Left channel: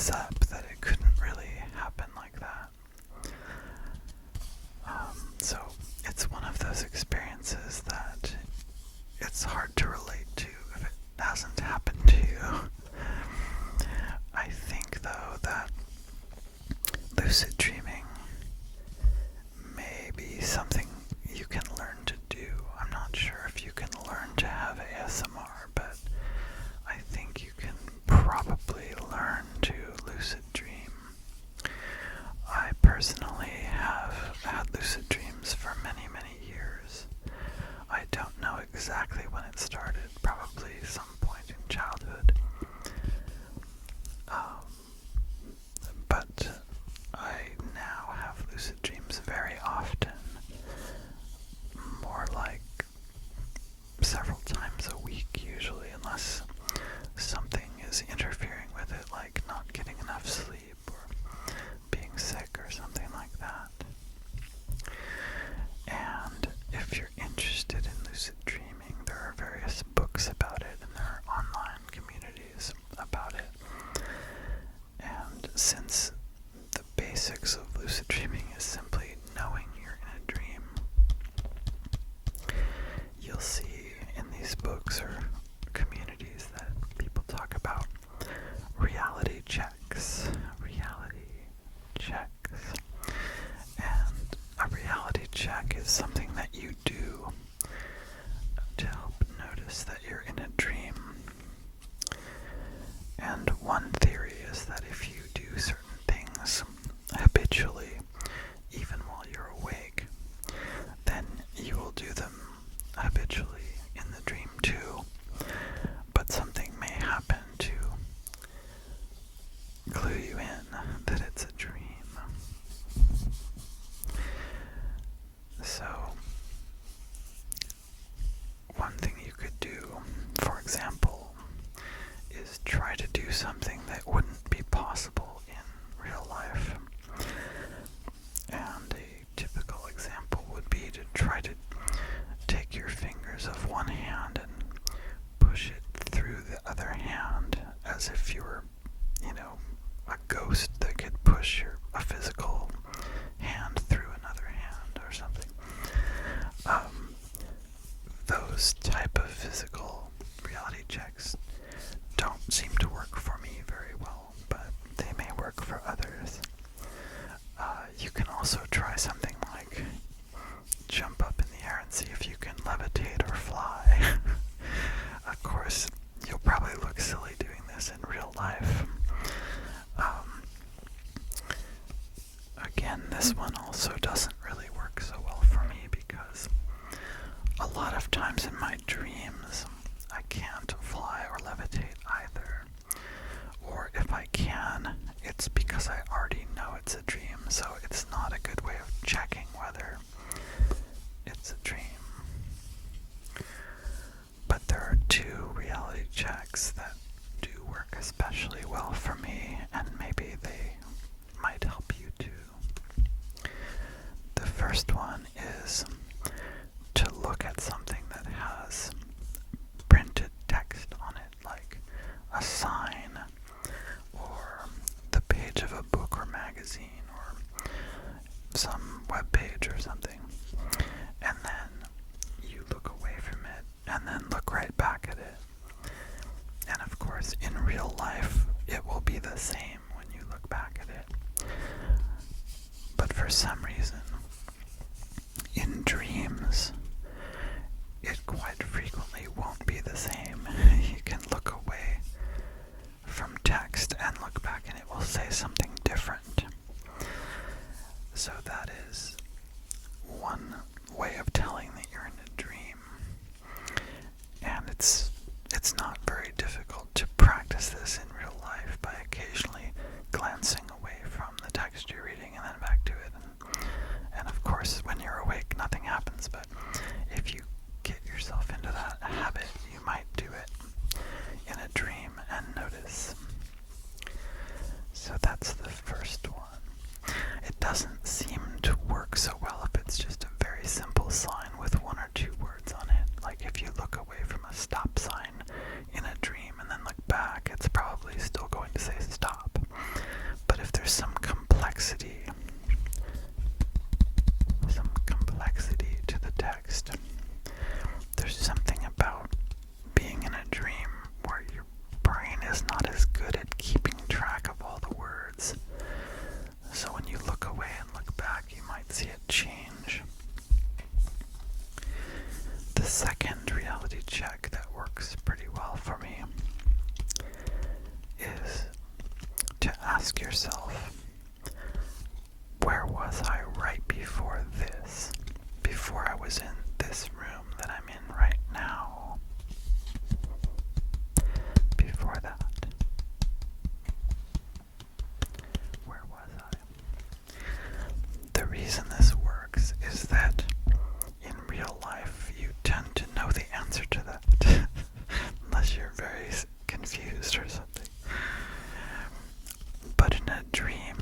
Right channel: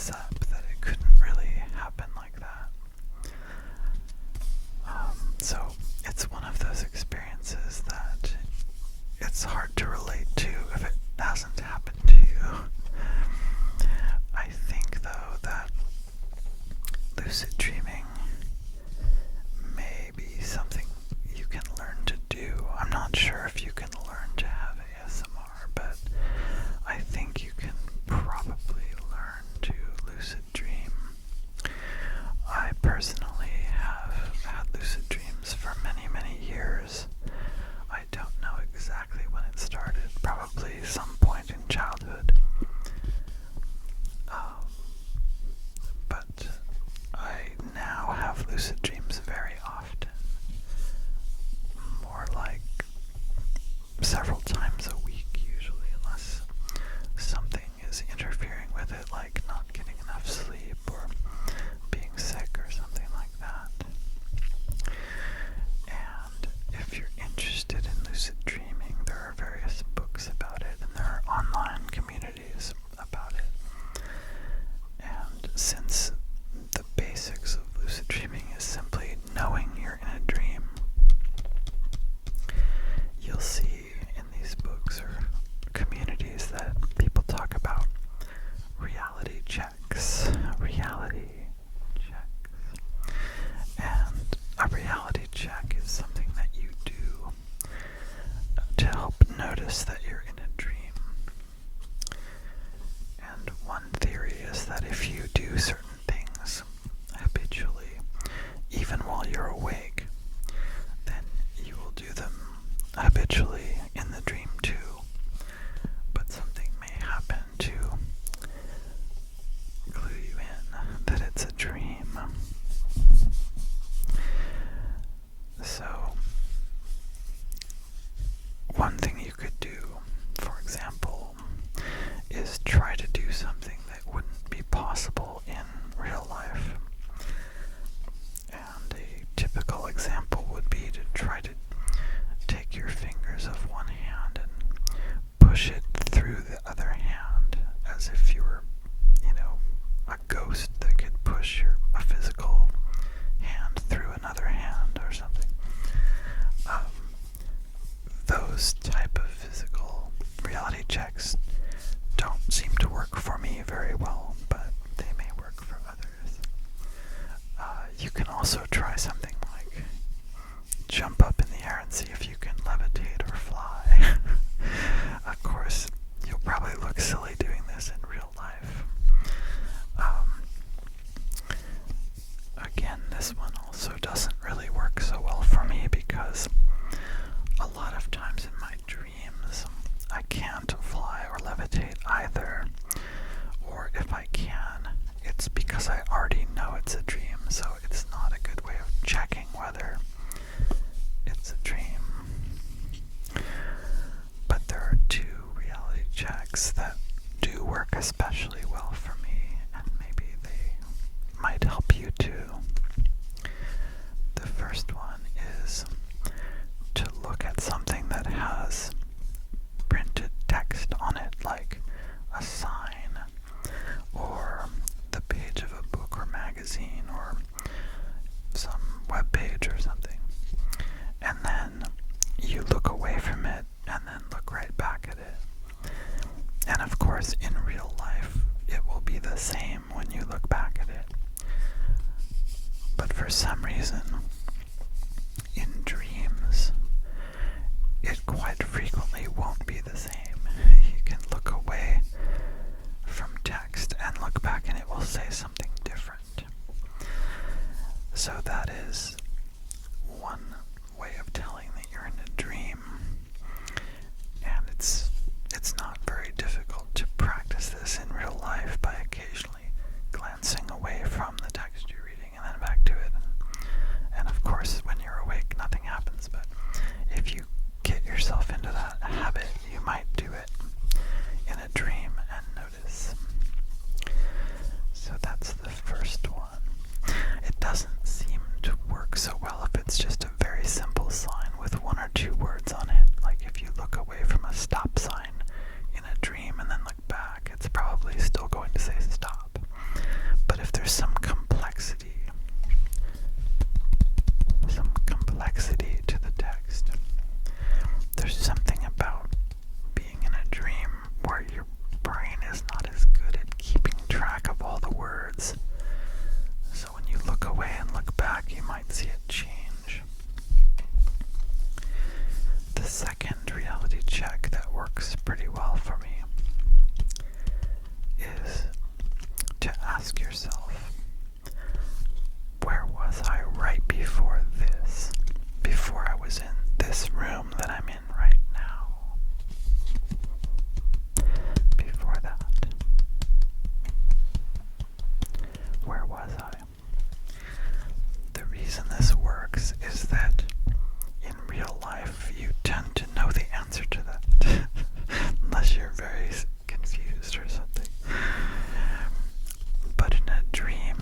this up, that it couldn't really happen like that. So it's one of those experiences that it's hard to relate to if it hasn't happened to you. I think, though, that lucid dreaming may be something you can learn to do. I'm not sure if you can learn to have ASMR, but I think you can probably learn to lucid dream. I personally have had lucid dreams for many, many years. I don't know exactly when it started, probably some point in childhood. But I now have lucid dreams very often, more like several times a week usually, unless something is interfering with it, like not getting enough sleep or being sick or something like that. And if you're interested in lucid dreaming, there are various books about it, and there are online communities about it. And since the basics of lucid dreaming is simply knowing you're in a dream, you'll see in these books or communities that people talk about reality checks. And a reality check is something that you do to help notice that you're in a dream. And one theory is that if you do certain things habitually, even while you're awake, then you will do them habitually in the dream too. But something may happen to clue you in that it's a dream. So, one thing you could do, for example, is try to do something that wouldn't be possible in real life. And a typical example would be to try to take your fingers of one hand and push it through the other hand as if you were, a ghost that could push a physical hand through another hand or something. Those type of physical reality checks don't seem to work for me very well, but they may work for others. You can also try something like jump up in the air and see if you can levitate or fly. Of course, you'll probably look silly doing this in real life. Again, this one also doesn't really work so well for me because a lot of times in my dreams I can't fly or levitate either. Or if I can, it's because I already know it's a dream, so it's not a good way of checking whether it's a dream. But there are two reality checks that do work especially well for me, and maybe they might help you too. The first one is to look at something that has printed text on it, like a sign or the page of a book or magazine or some web page or something. And then you look away from it and then look right back at it. And of course, in real life, it will be the same when you look back at it. But for some reason, in dreams, it quite frequently won't be the same. You can look away from text and look back and it will say something different. So that is one way of telling that you're in a dream. And it's not very difficult to practice this in real life by occasionally glancing away from the text you're reading and then back to it. And of course, when you're awake, nothing happens. But if you get yourself into that habit, you might do it in a dream and notice. So that's the first one. It doesn't seem to work so well if it's just a very simple sign with one or two words on it. Like if you look away from a stop sign in a dream and then look back, it's probably still going to say stop. to ask yourself, where was I right before this? Before I was in this room that I'm in right now? Before that, where was I? The reason this works is that in real life you tend to know the answer to that, unless you're very confused or something. But in a dream,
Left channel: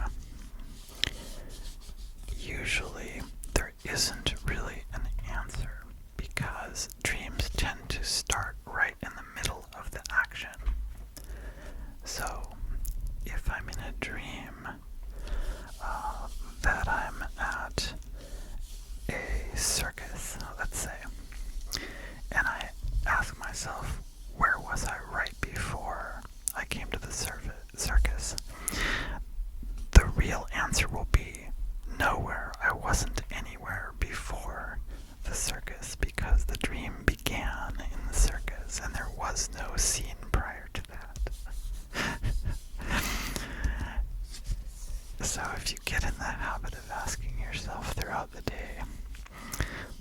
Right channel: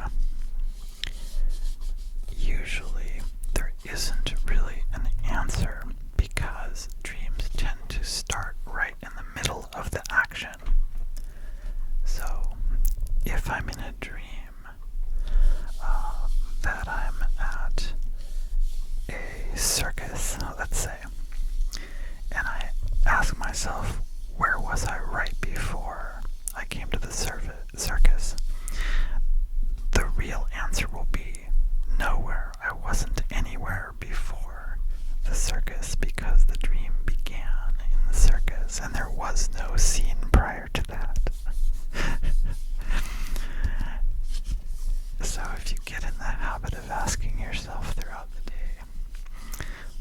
usually there isn't really an answer, because dreams tend to start right in the middle of the action. So if I'm in a dream that I'm at a circus, let's say, and I ask myself, where was I right before I came to the circus? The real answer will be nowhere. I wasn't anywhere before the circus, because the dream began in the circus and there was no scene prior to that. So if you get in the habit of asking yourself throughout the day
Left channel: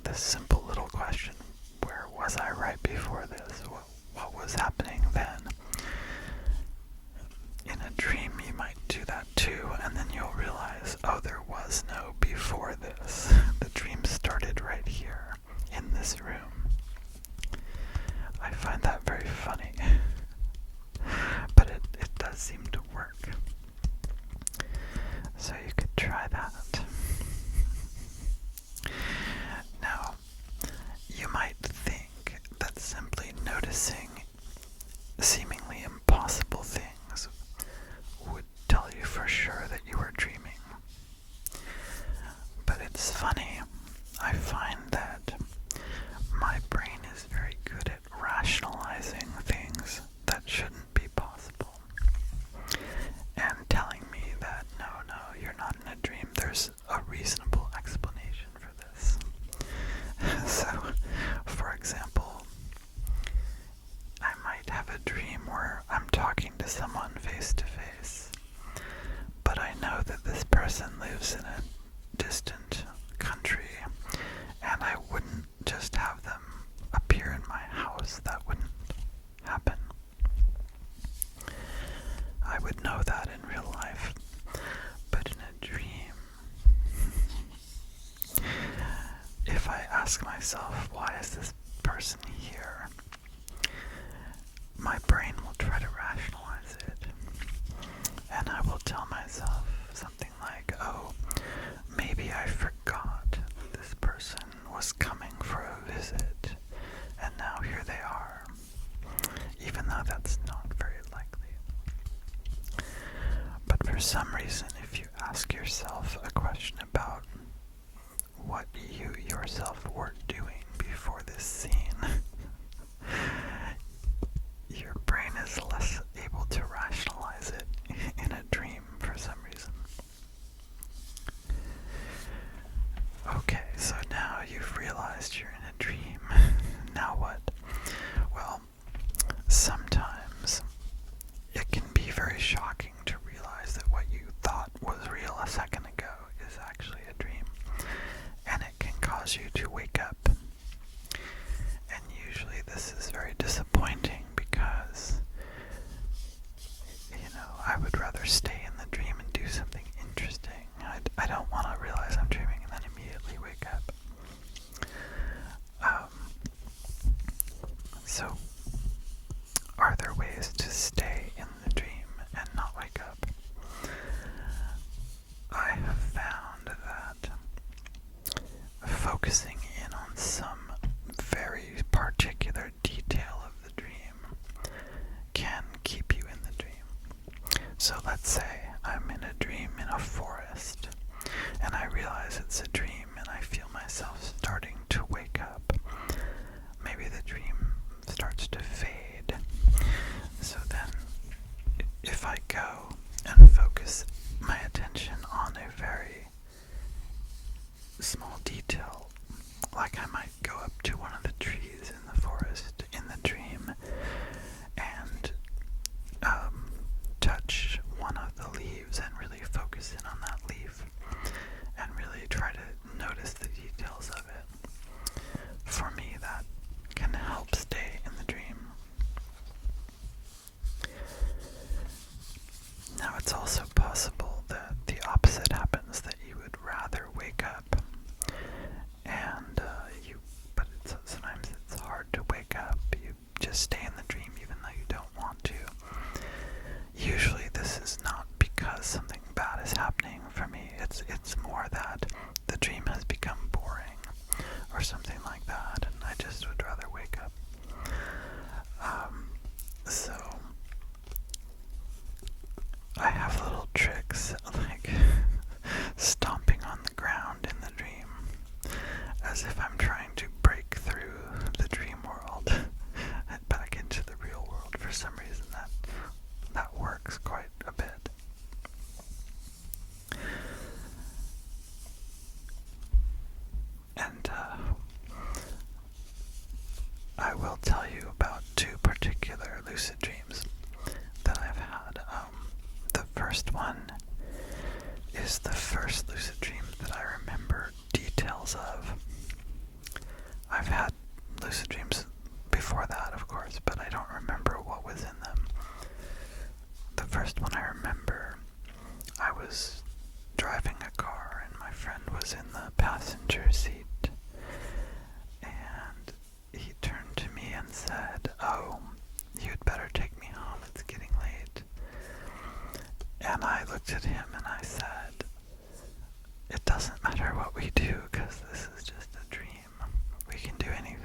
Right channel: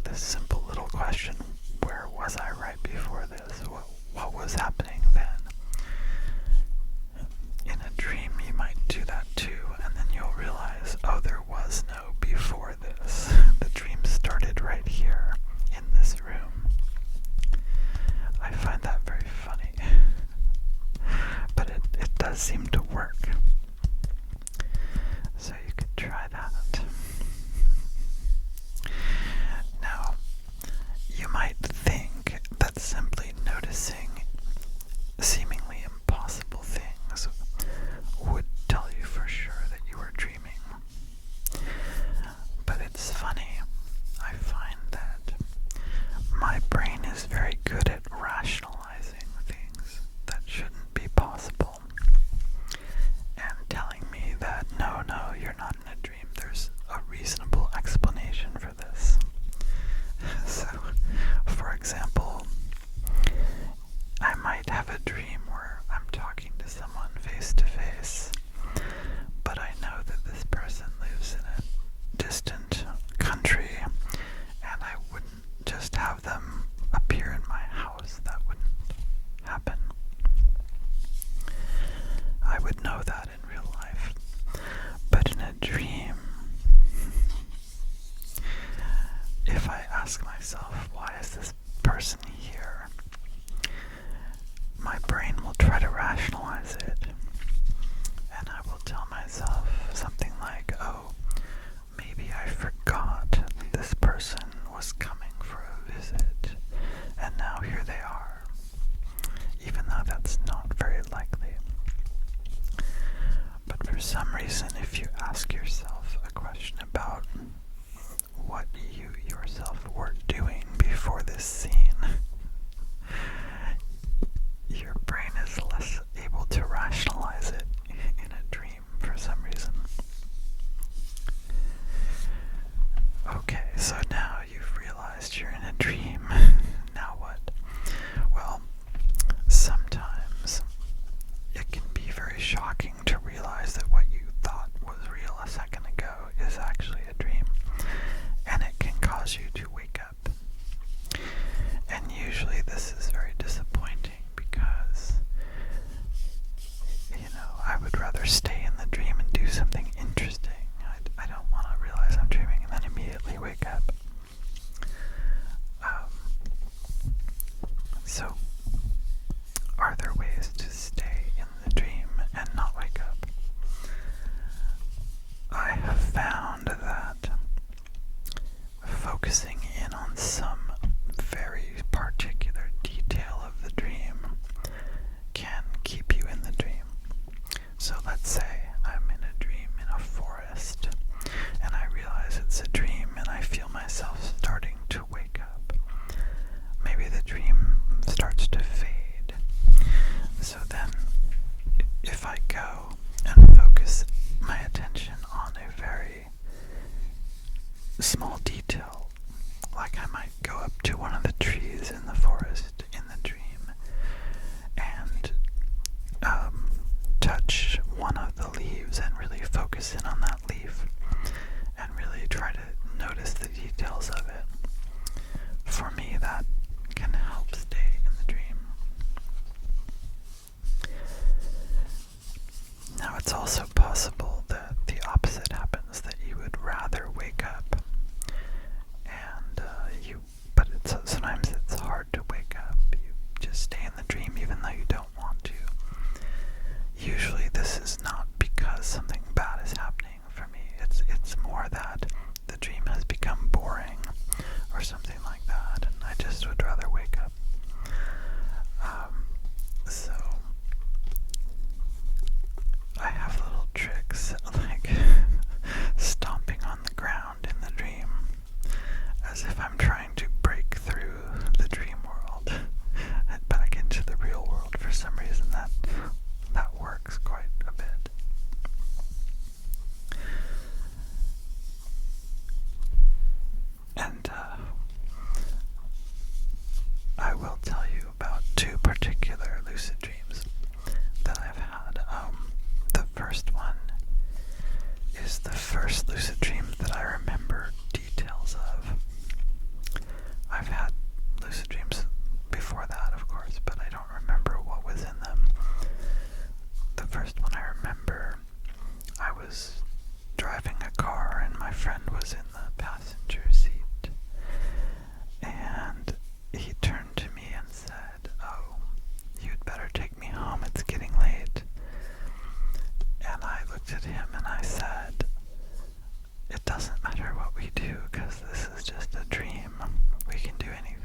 this simple little question, where was I right before this? What was happening then? In a dream you might do that too, and then you'll realize, oh, there was no before this. The dream started right here in this room. I find that very funny, but it does seem to work. So you could try that. Now, you might think that simply noticing seemingly impossible things would tell you for sure that you were dreaming. But it's funny, I find that my brain is very good at rationalizing things that shouldn't be possible, and telling me that no, you're not in a dream. There's a reasonable explanation for this. So, for example, I might have a dream where I'm talking to someone face to face, but I know that this person lives in a distant country, and I wouldn't just have them appear in my house. That wouldn't happen. I would know that in real life. But in a dream, if I ask myself, why is this person here? My brain will try to rationalize it, and I will tell myself something like, oh, maybe I forgot this person was coming for a visit, and now here they are, even though that's not very likely. But for some reason, if you ask yourself a question about what you yourself were doing before this scene, your brain is less able to rationalize it in a dream for some reason. Okay, so now you've realized you're in a dream. Now what? Well, sometimes it can be very shocking to realize that what you thought was real a second ago is actually a dream, and it can cause you to wake up. And usually this is very disappointing, because I would rather stay in the dream and do something interesting. I don't want to realize I'm dreaming and then immediately wake up. So, are there ways to stay in the dream and not wake up? I have found that focusing in on some very particular detail of the dream can keep you in the dream. So let's say I'm in a dream in a forest, and I realize it's a dream, and I feel myself starting to wake up. Maybe the dream starts to fade. So then, if I go and focus my attention on a very small detail, like I might go up to one of the trees in the forest in the dream and touch one of the also possible that the opposite happens, that you would rather wake up and but sometimes it's hard to wake up. You just stay in the dream even though you don't want to. Usually this is not because something bad is happening for me. It's more that the dream has become boring or something like that, and I just would rather wake up. So I have little tricks like stomping on the ground in the dream as if I'm trying to break through the dream world and back into the real world. For some reason that works quite a bit. And I will tell you about two particular lucid dreams that I've had. The first one is the first lucid dream that I remember details of. I've had lucid dreams before that, of course, but I don't remember what was in them. The first one I remember, I was driving a car and my friend was in the passenger seat, and he turned to me and said, "Oh, you'd better take me home, it's getting late." And I looked at him and I said, "It doesn't matter what we do, because this is just a dream. We can do anything.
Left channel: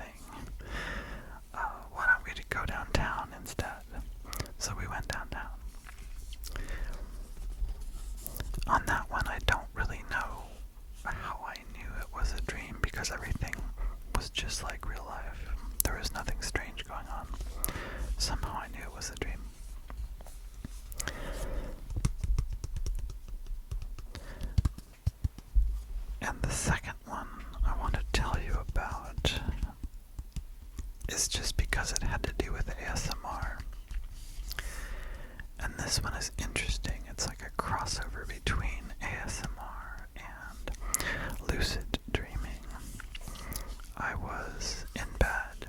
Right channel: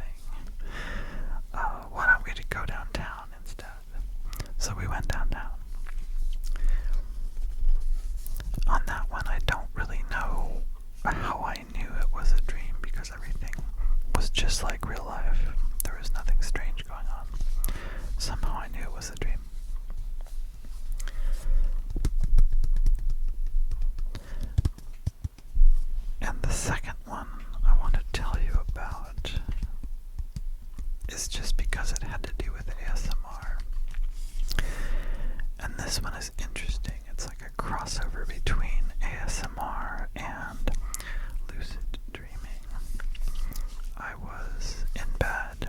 Why don't we go downtown instead?" So we went downtown. On that one, I don't really know how I knew it was a dream, because everything was just like real life. There was nothing strange going on. Somehow I knew it was a dream. And the second one I want to tell you about is just because it had to do with ASMR. And this one is interesting. It's like a crossover between ASMR and lucid dreaming. I was in bed.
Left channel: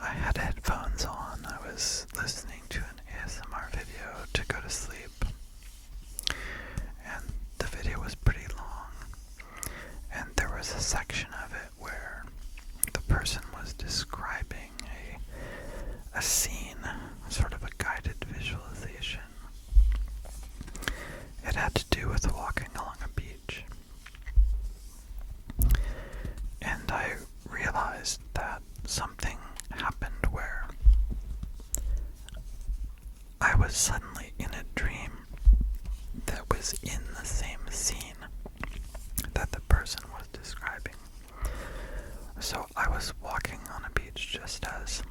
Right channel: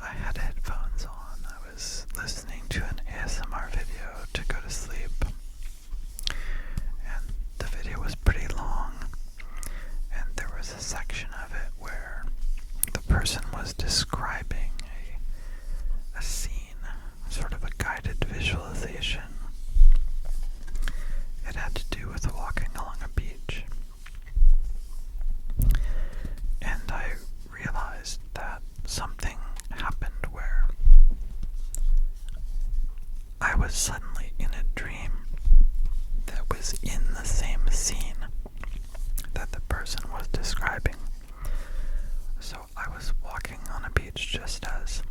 I had headphones on. I was listening to an ASMR video to go to sleep. And the video was pretty long. And there was a section of it where the person was describing a scene, sort of a guided visualization. It had to do with walking along a beach. And I realized that something happened where I was suddenly in a dream that was in the same scene that the person was describing. So I was walking on a beach just as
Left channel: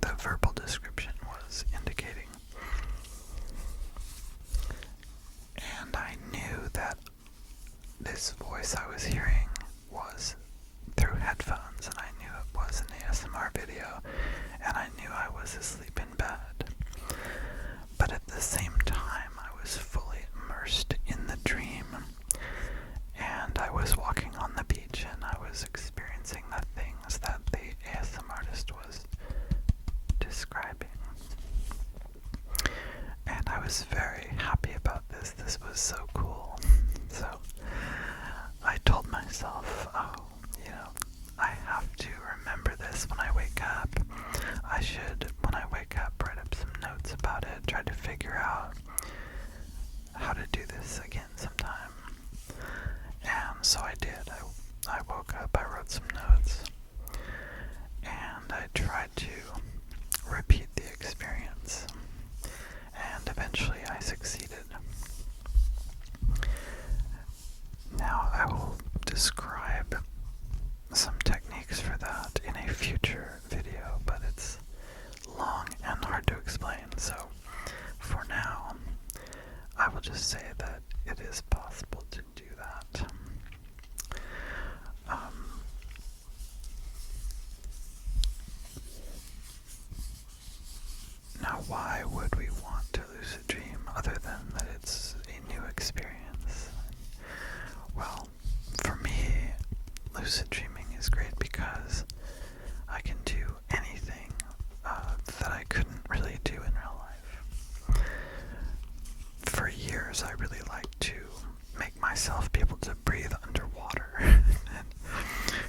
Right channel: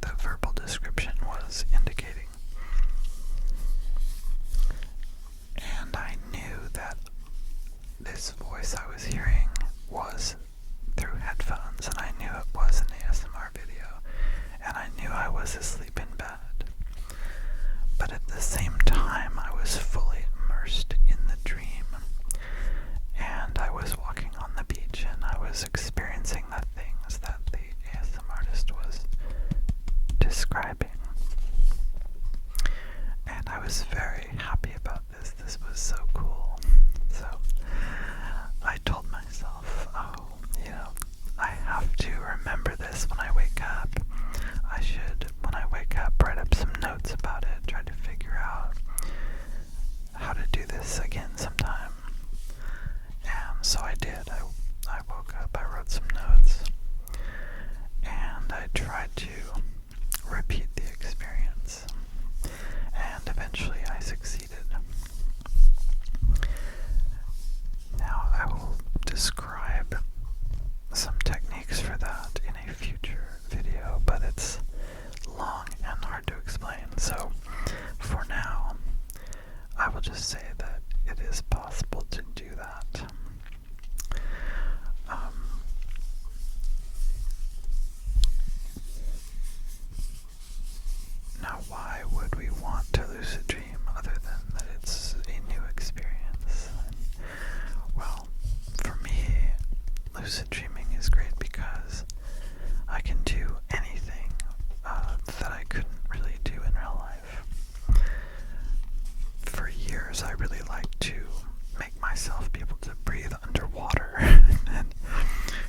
the verbal description was indicating. And I knew that this voice I was hearing was through headphones, and I knew it was an ASMR video, and I knew I was asleep in bed. But at the same time, I was fully immersed in the dream, and I was walking on the beach, and I was experiencing the things that the ASMR artist was describing. And I was very happy about this. This was so cool. So I told myself, I have to remember this when I wake up. I should, when I wake up, write up some notes about it, try to figure out how to do this again sometime. And so I did. I woke up, I wrote some notes, and I tried to repeat the experience. And eventually I succeeded. Now I will describe some techniques for that in a future video, but it's long and hard to explain. So for now, I will just say that it is possible to do that. Now, why would we want to lucid dream other than that it's a new experience? Well, for me, lucid dreaming is great because I can do anything that I couldn't really do in real life. For years, hours, I really like to make myself be able to breathe underwater and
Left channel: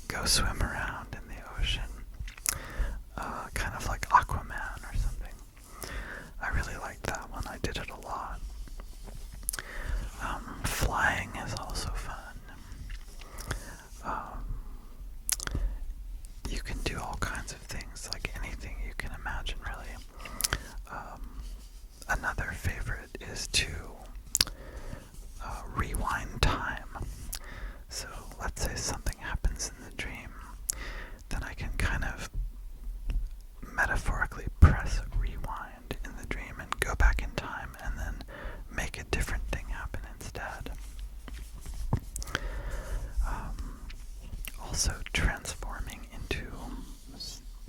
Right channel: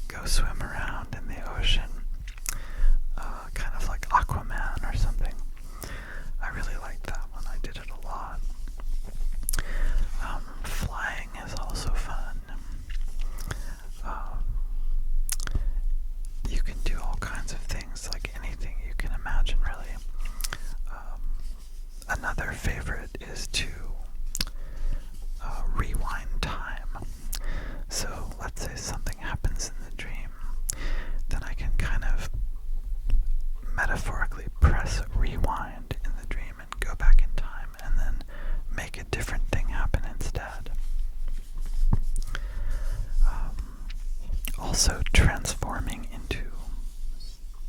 go swim around in the ocean, kind of like Aquaman or something. I really liked that one. I did it a lot. Flying is also fun. You can do all kinds of things, like anything you can imagine, really. Another favorite is to rewind time. So let's say something happens in the dream, then I can kind of metaphorically press rewind in the dream and go back in time and then make a different thing happen instead. Also, transforming into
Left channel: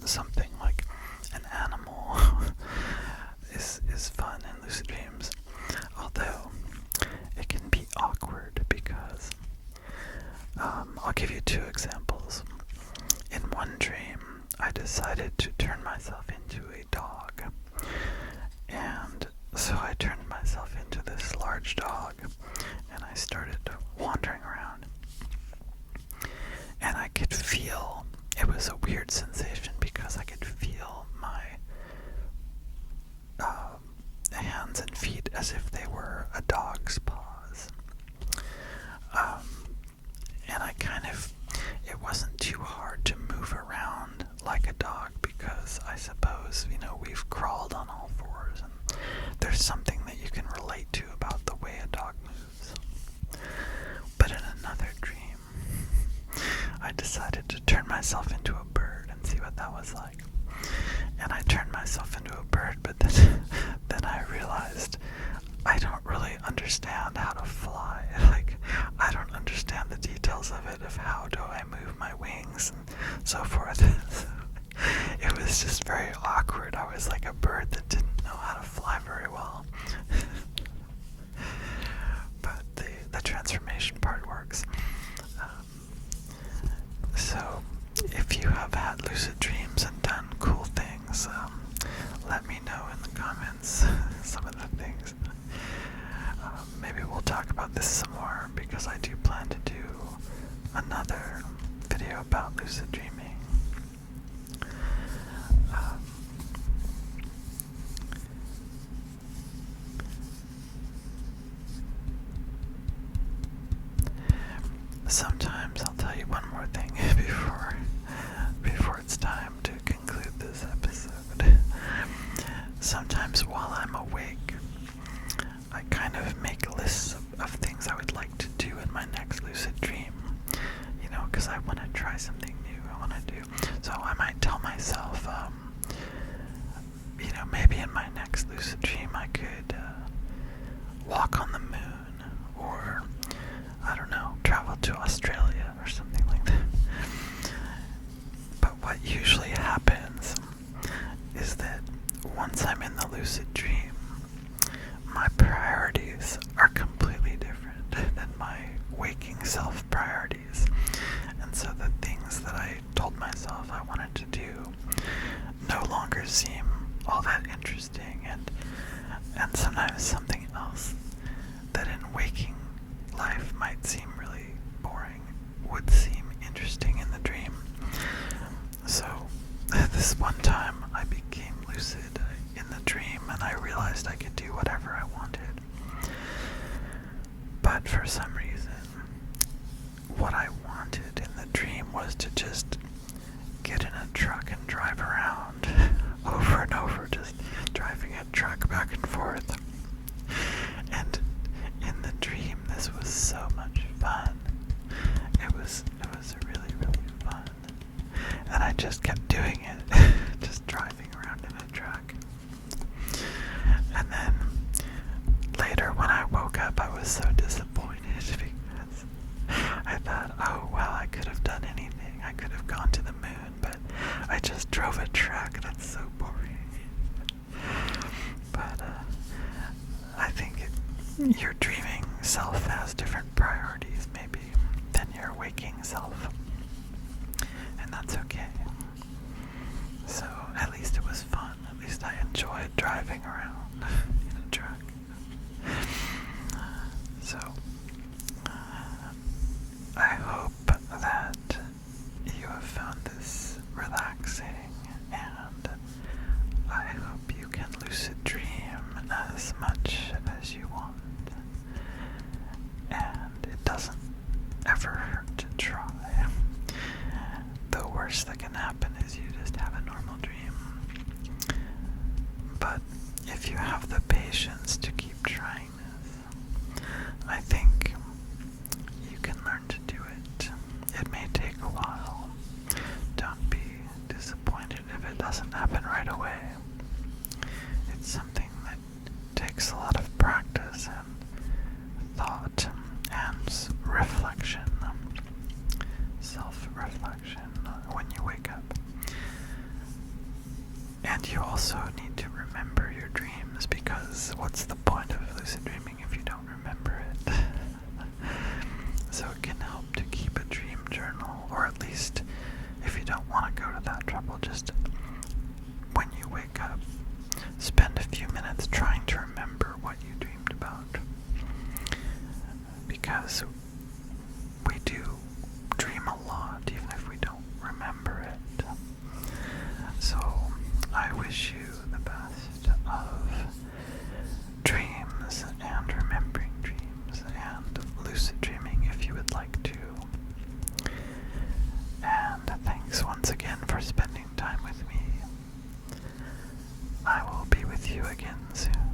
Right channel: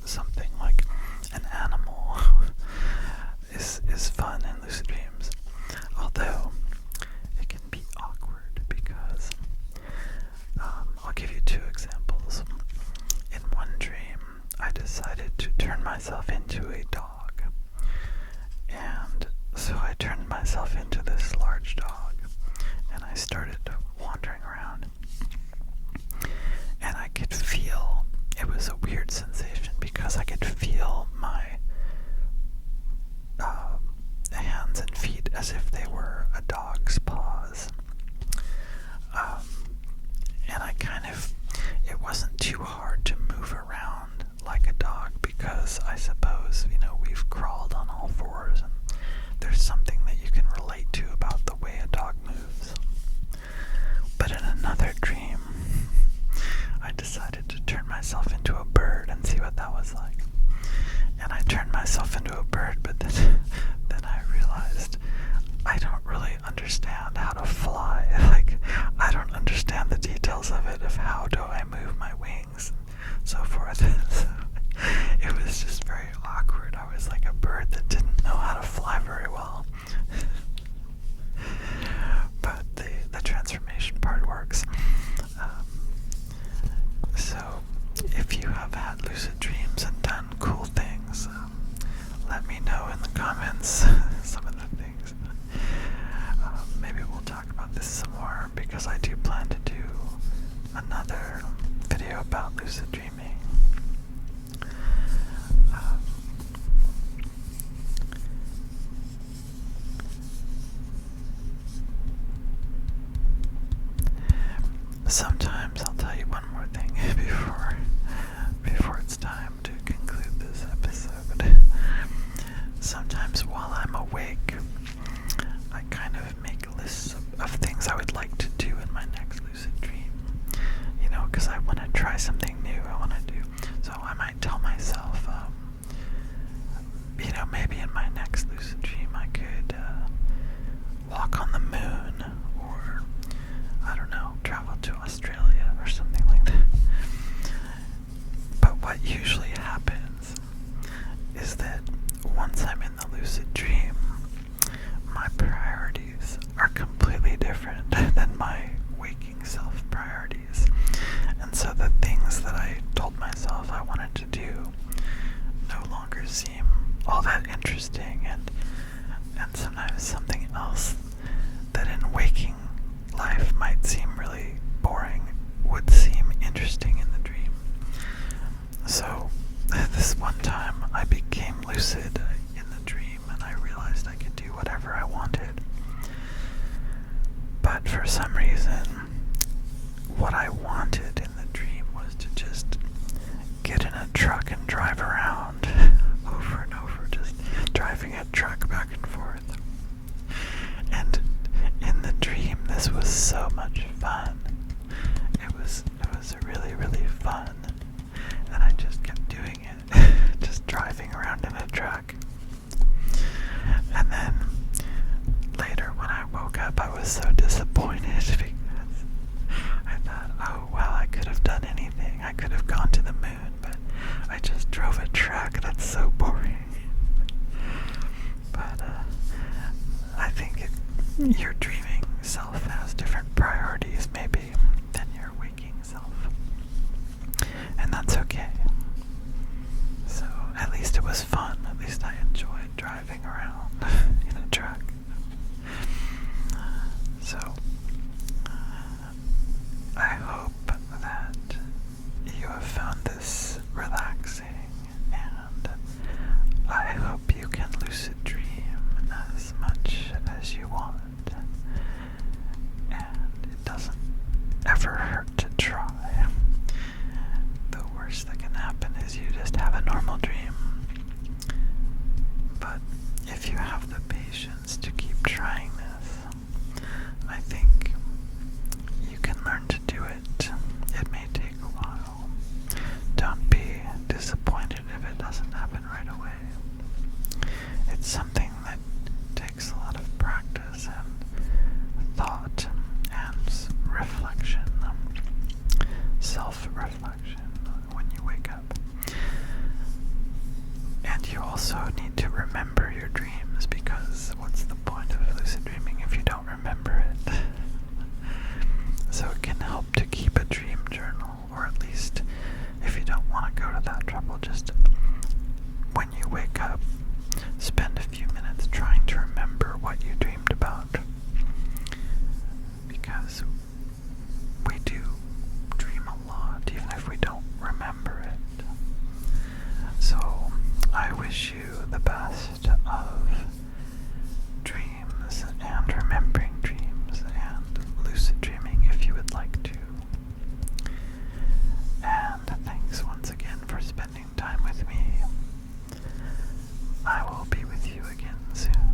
something like an animal is fun in lucid dreams, although it can be awkward because I'll give you two examples. In one dream, I decided to turn myself into a dog, and so I turned myself into this large dog, and I started wandering around, and I could feel, it was a weird sensation because I could feel my hands and feet as if they were a dog's paws. And I kind of, it wasn't too hard to move around like a dog because I suppose, we've crawled on all fours and there's something that you can relate to about the way a dog moves. But in another dream, I decided to turn myself into a bird and see what that was like. And I turned myself into a bird, but then I realized I don't really understand how to fly. Like, I don't understand the details of it, of how do I move my wings and so forth. So it was just very awkward. I was like a bird that didn't know how to fly very well. But the transformation part works. So if you have had lucid dreams and done cool things, let me know in the comments some of the things. Maybe we'll talk about this some more because I do plan to do another video about lucid dreaming. Sometimes I'll tell you one more thing before it's time to conclude this episode. Sometimes while I'm awake, I kind of make lists of things I would like to do in my next lucid dream. Because I want to try something new. I want to do. So I might tell myself, maybe in my next lucid dream I could walk on the moon, or I don't know, travel to Australia or something like that. But what usually happens is that once I'm in the lucid dream, my priorities are completely different than my waking self priorities. And so the things that I told myself I wanted to do no longer seem all that interesting, and sometimes something else that in waking life might seem really boring would seem interesting in the dream. So this one time I became lucid in the dream and I realized I could do whatever I wanted. But for some reason, what I wanted in the dream was to just get in a truck and drive around over and over, just driving a truck back and forth. And in the dream, this was so much fun. It was really, really fun. And I just kept doing it, just driving around in a truck. And then later when I woke up, I was so disappointed because I thought, oh well, I could have done anything. I could have gone to the moon, but I just drove a truck. That's so boring. But I think your dreaming self has different priorities maybe than your waking self. And that's okay. So at least it was fun. At least I enjoyed driving around in a truck. trying this. I think you can learn to do it. It may take a while. Don't be disappointed if it doesn't happen right away. It's something that takes a lot of practice and thought and reflection, self-reflection when you wake up. And you also need to remember your dreams, because what's the point of lucid dreaming if you don't remember it? So it can help to keep a dream journal, or at least if you don't want to go to that trouble, just when you wake up, spend a few minutes trying to remember what you dreamed about. Because we do dream a lot, even if we don't remember it. So I wish you the best of dreams and remembering dreams and lucid dreaming if you would like to. And thanks once again for spending time with me. I will be with you again soon.